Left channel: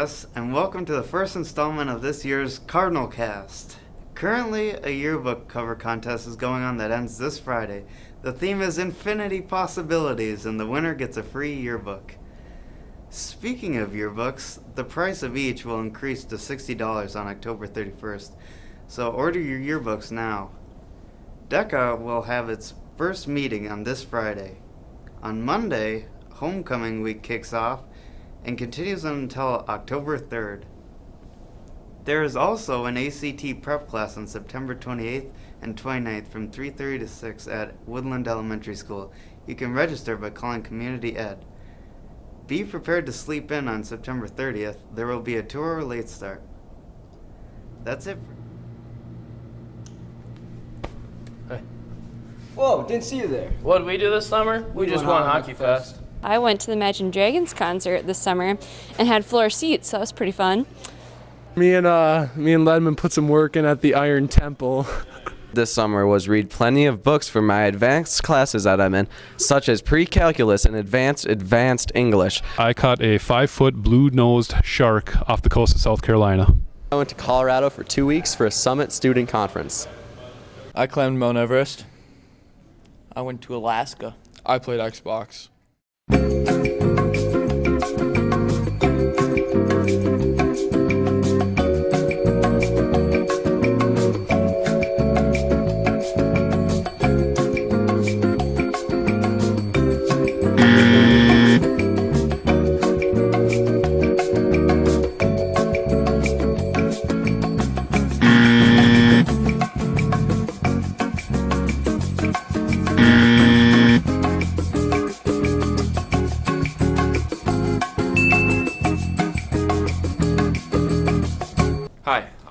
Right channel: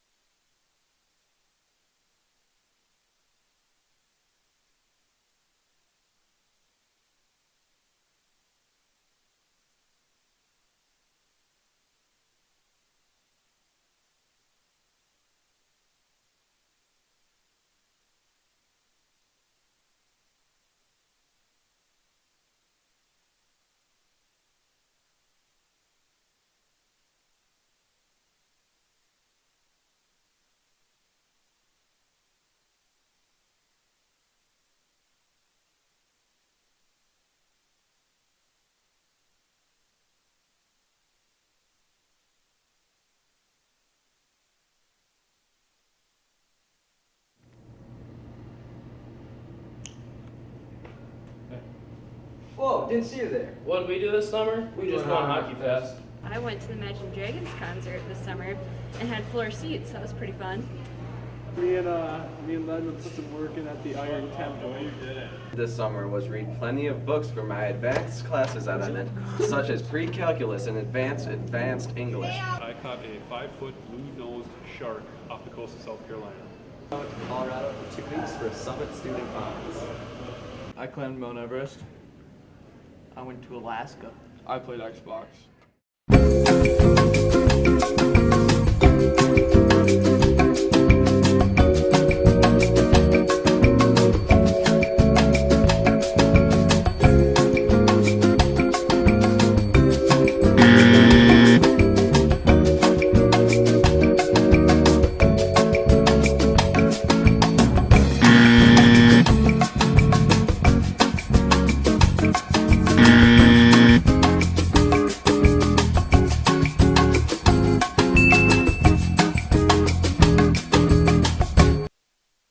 AAHS, and welcome to the first installment of this year's Cardinal Cast. Currently, a yearbook cover contest is going on that ends this Friday. The theme is Infinity Possibilities, and the winner gets a free yearbook. Speaking of yearbooks, the price of each will increase to $60 on October 31st, so order your yearbooks now. DECA will have its first meeting on this Friday. On Monday, Homecoming Week kicks off and continues until October 3rd. There is also an ACT prep class on September 28th and 29th from 3:30 to 6 at Woodland Elementary School. You can register by calling Community Ed. Be prepared to sleep in on September 30th. There will be a 2-hour late start. That's it. Hey. Whoa, didn't see you there. What did we do this summer? We just won Hockey Fest. I went to the Imagine Dragons concert this summer and had floor seats, so that was pretty fun. Me and Ledman put some work in at the Iron Temple. This summer was read plenty of books for my advanced classes that I'm in, such as pre-calculus and advanced English. I caught a 5-foot blue-nosed shark off the coast of South Carolina. I went to Colorado for 2 weeks for a summit student conference. I climbed Mount Everest. I went to Alaska. I played Xbox.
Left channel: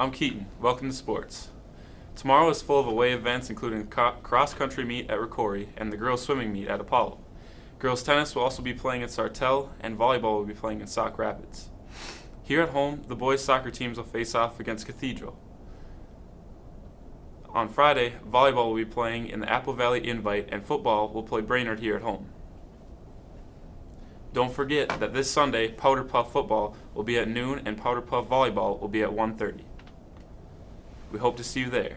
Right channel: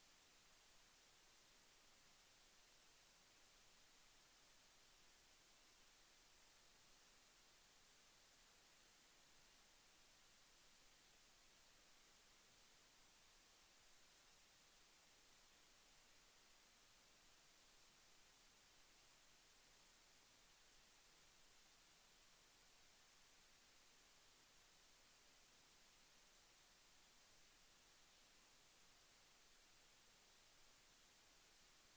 I'm Keaton. Welcome to sports. Tomorrow is full of away events, including cross-country meet at Ricori and the girls' swimming meet at Apollo. Girls' tennis will also be playing at Sartell, and volleyball will be playing in Sauk Rapids. Here at home, the boys' soccer teams will face off against Cathedral. On Friday, volleyball will be playing in the Apple Valley Invite, and football will play Brainerd here at home. Don't forget that this Sunday, Powder Puff football will be at noon, and Powder Puff volleyball will be at 1:30. We hope to see you there.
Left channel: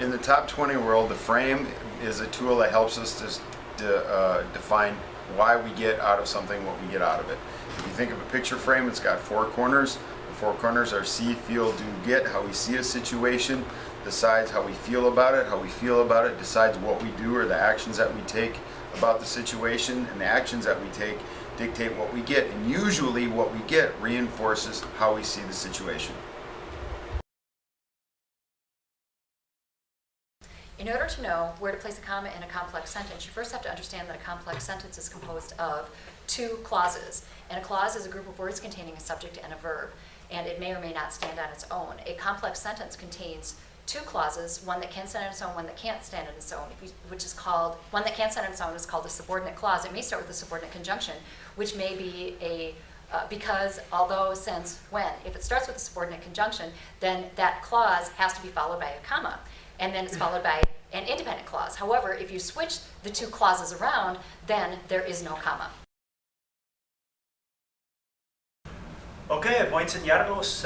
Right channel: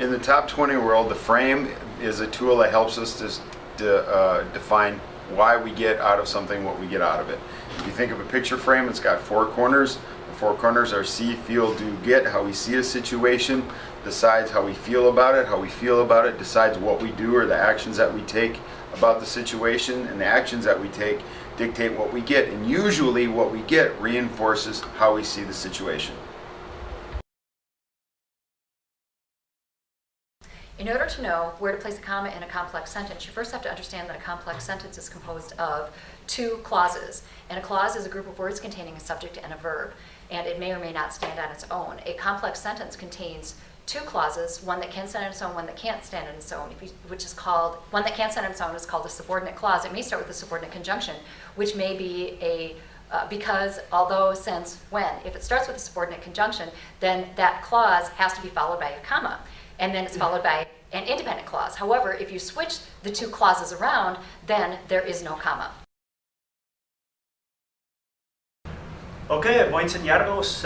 In the top 20 world, the frame is a tool that helps us to define why we get out of something what we get out of it. If you think of a picture frame, it's got 4 corners. The 4 corners are see, feel, do, get. How we see a situation decides how we feel about it. How we feel about it decides what we do or the actions that we take about the situation, and the actions that we take dictate what we get, and usually what we get reinforces how we see the situation. In order to know where to place a comma in a complex sentence, you first have to understand that a complex sentence is composed of 2 clauses. And a clause is a group of words containing a subject and a verb, and it may or may not stand on its own. A complex sentence contains 2 clauses, one that can stand on its own, one that can't stand on its own, one that can't stand on its own is called a subordinate clause. It may start with a subordinate conjunction, which may be a because, although, since, when. If it starts with a subordinate conjunction, then that clause has to be followed by a comma, and then it's followed by an independent clause. However, if you switch the 2 clauses around, then there is no comma. Ok, voy a enseñarlos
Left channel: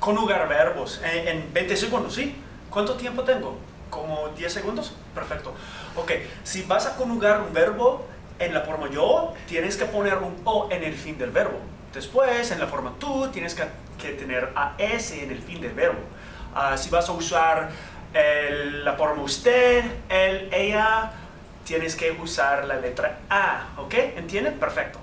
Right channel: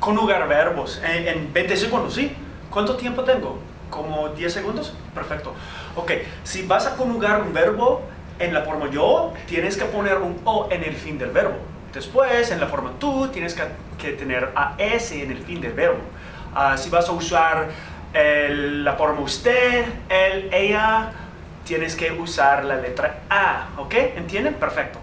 conjugar verbos en 20 segundos, ¿sí? ¿Cuánto tiempo tengo? ¿Como 10 segundos? Perfecto. Ok, si vas a conjugar un verbo en la forma yo, tienes que poner un o en el fin del verbo. Después, en la forma tú, tienes que tener AS en el fin del verbo. Si vas a usar la forma usted, él, ella, tienes que usar la letra A, ¿ok? ¿Entienden? Perfecto.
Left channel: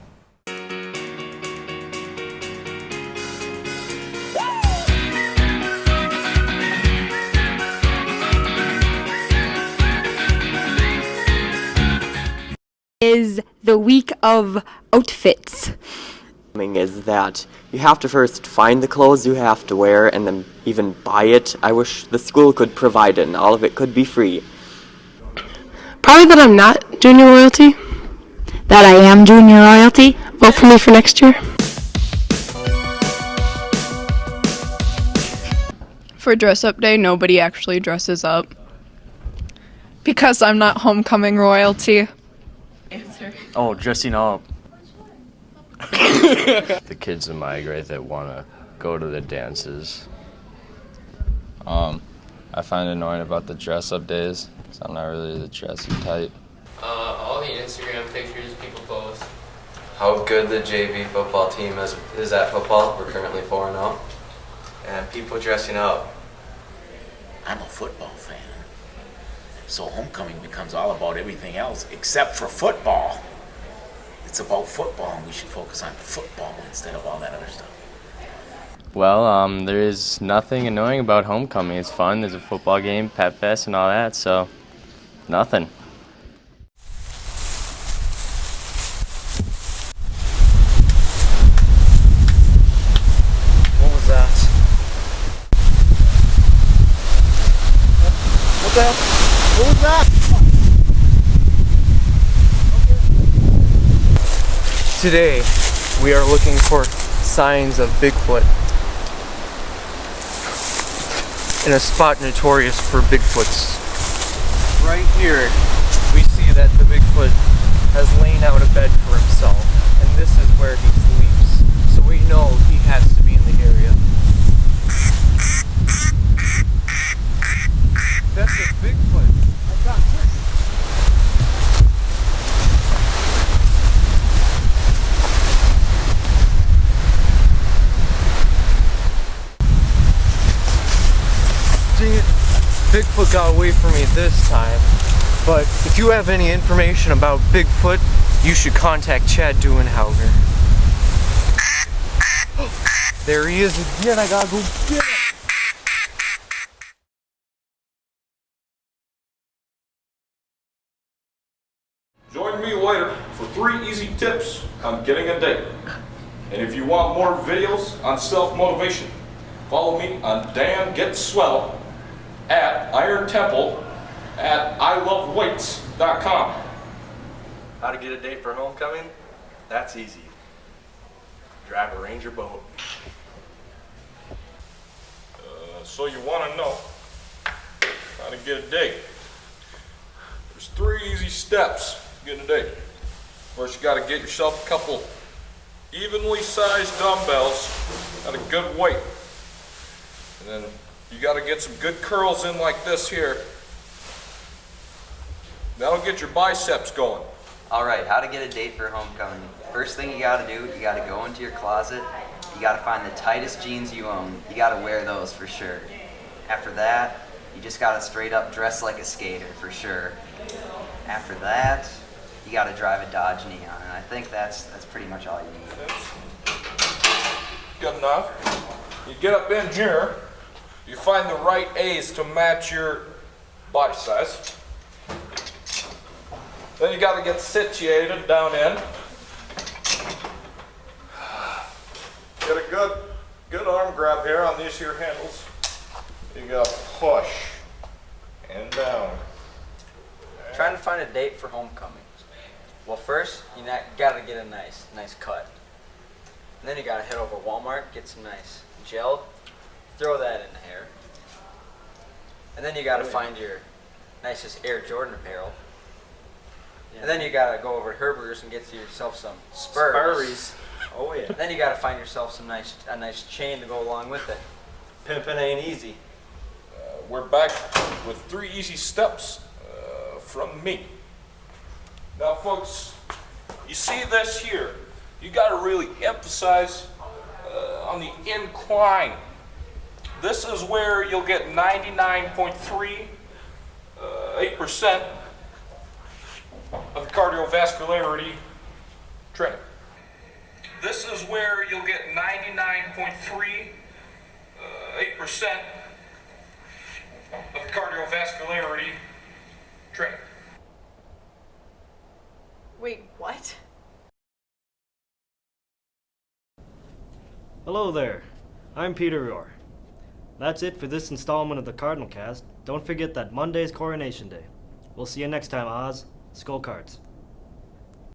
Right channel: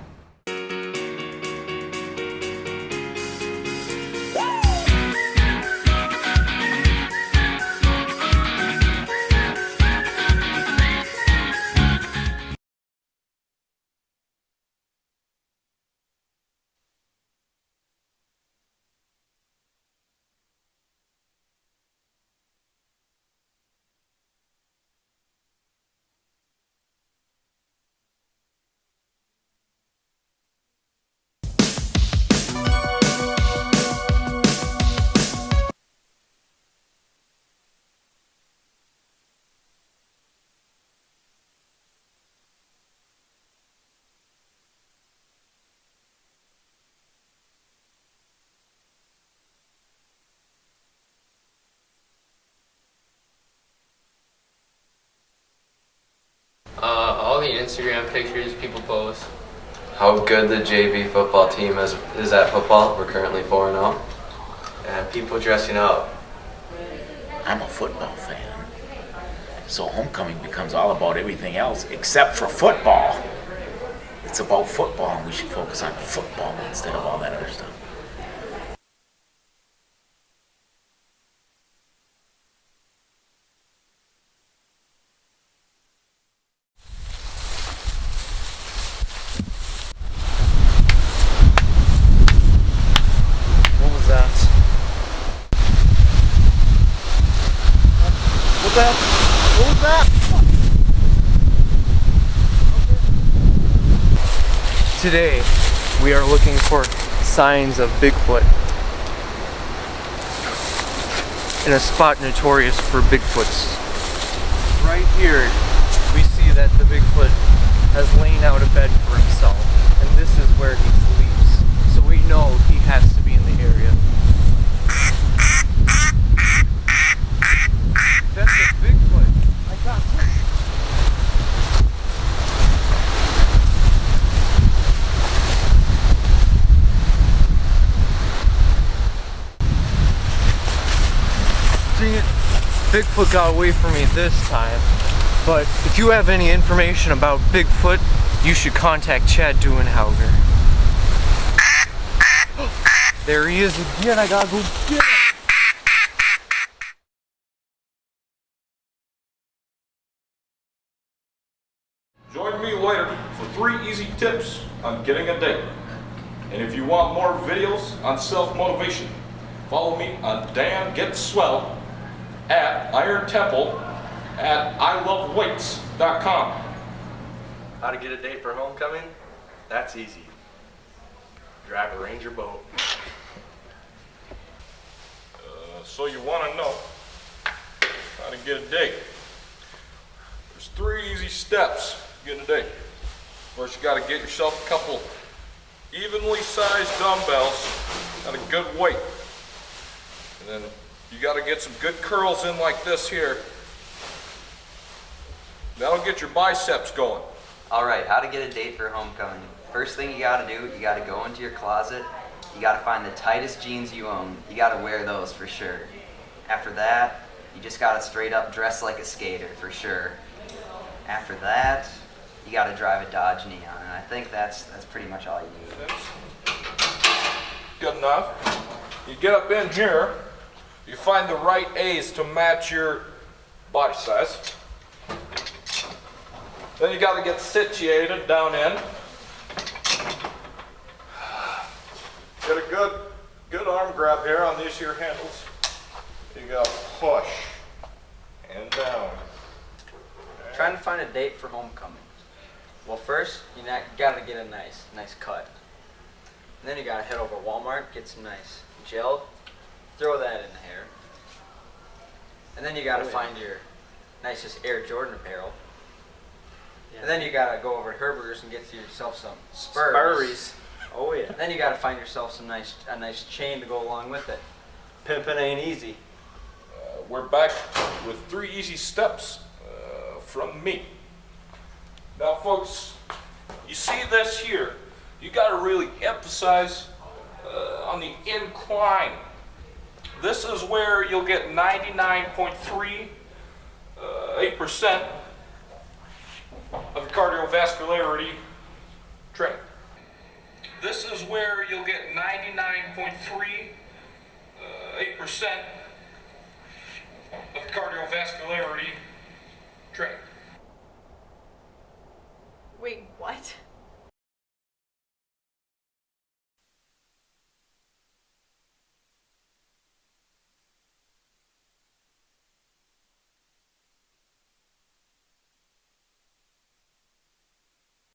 Is the week of outfits. Is that you have to first find the clothes you have to wear and then even buy it. I wish the school could provide it and all of it could be free. Probably that I'm not junior royalty. That I am junior royalty. Vote for me for next year. For dress up day, nobody actually dresses up. Because I'm not homecoming royalty. Oh, dressing up. The kids in my grade that want to go to the dances. I find it annoying about the dress-up days, because I'm not really the dressy type. All the Instagram pictures people post. How good the JV football team is at football. We're currently 4-0. And people dressing up. I'm a football fan. So homecoming becomes all about everything else except for football. It's about football, and we should focus on football instead of all that other stuff. Well, there is nothing annoying about homecoming. It's fun. There's a football game, pep fest, and all that, so nothing. What was that? What the hell? What was that? Today, we are looking for signs of Bigfoot in a spot notorious for Bigfoots. Right here, we see that the Bigfoot has lain out a bed for himself, and this is where he sleeps. So we know he has to be in the area. That's a Bigfoot. I got it. Dang it, Bigfoot got away from me this time. But if you have any information about Bigfoot, you should contact Chad Duenhauger. There he is again, I gotta go get him. Join me later for 3 easy tips on getting a date. And if you want more videos on self-motivation, follow me on Dan Gets Swell at Iron Temple at iloveweights.com. How to get a date for homecoming? That's easy. Drive a Ranger boat. So you want to know how to get a date. There's 3 easy steps to get a date. First, you got to get yourself a couple evenly sized dumbbells at a good weight. And then you got to get some good curls in like this here. That'll get your biceps going. Alright, how to get a date for homecoming. First thing you gotta do, you gotta go into your closet. You gotta find the tightest jeans you own. You gotta wear those for sure. After that, you just gotta straight up dress like a skater for sure. After that, you gotta drive a Dodge Neon. And I think that's pretty much all you need. Good enough. You get up in here, you find the right A's to match your body size. Then you got to get situated down in. Get a good arm grab here on these here handles. You got to push and down. Trying to find a date for homecoming. Well, first, you gotta get a nice cut. And then you gotta head over to Walmart, get some nice gel, throw that in the hair. And then you gotta find your nicest Air Jordan apparel. And then you gotta go over to Herberger's and get yourself some Spurs. Oh yeah. Then you gotta find yourself a nice chain to go along with it. Pimping ain't easy. We're back with 3 easy steps from me. Now folks, you see this here, you gotta really emphasize on the incline. This is where you'll get 99.38% of cardiovascularity training. This is where you'll get 99.38% of cardiovascularity training. Wait, what? Hello there, I'm Peter Rohr. That's it for this installment of the Cardinal Cast. Don't forget that Monday's Coronation Day. We'll see you next time, Oz. Skull Cards.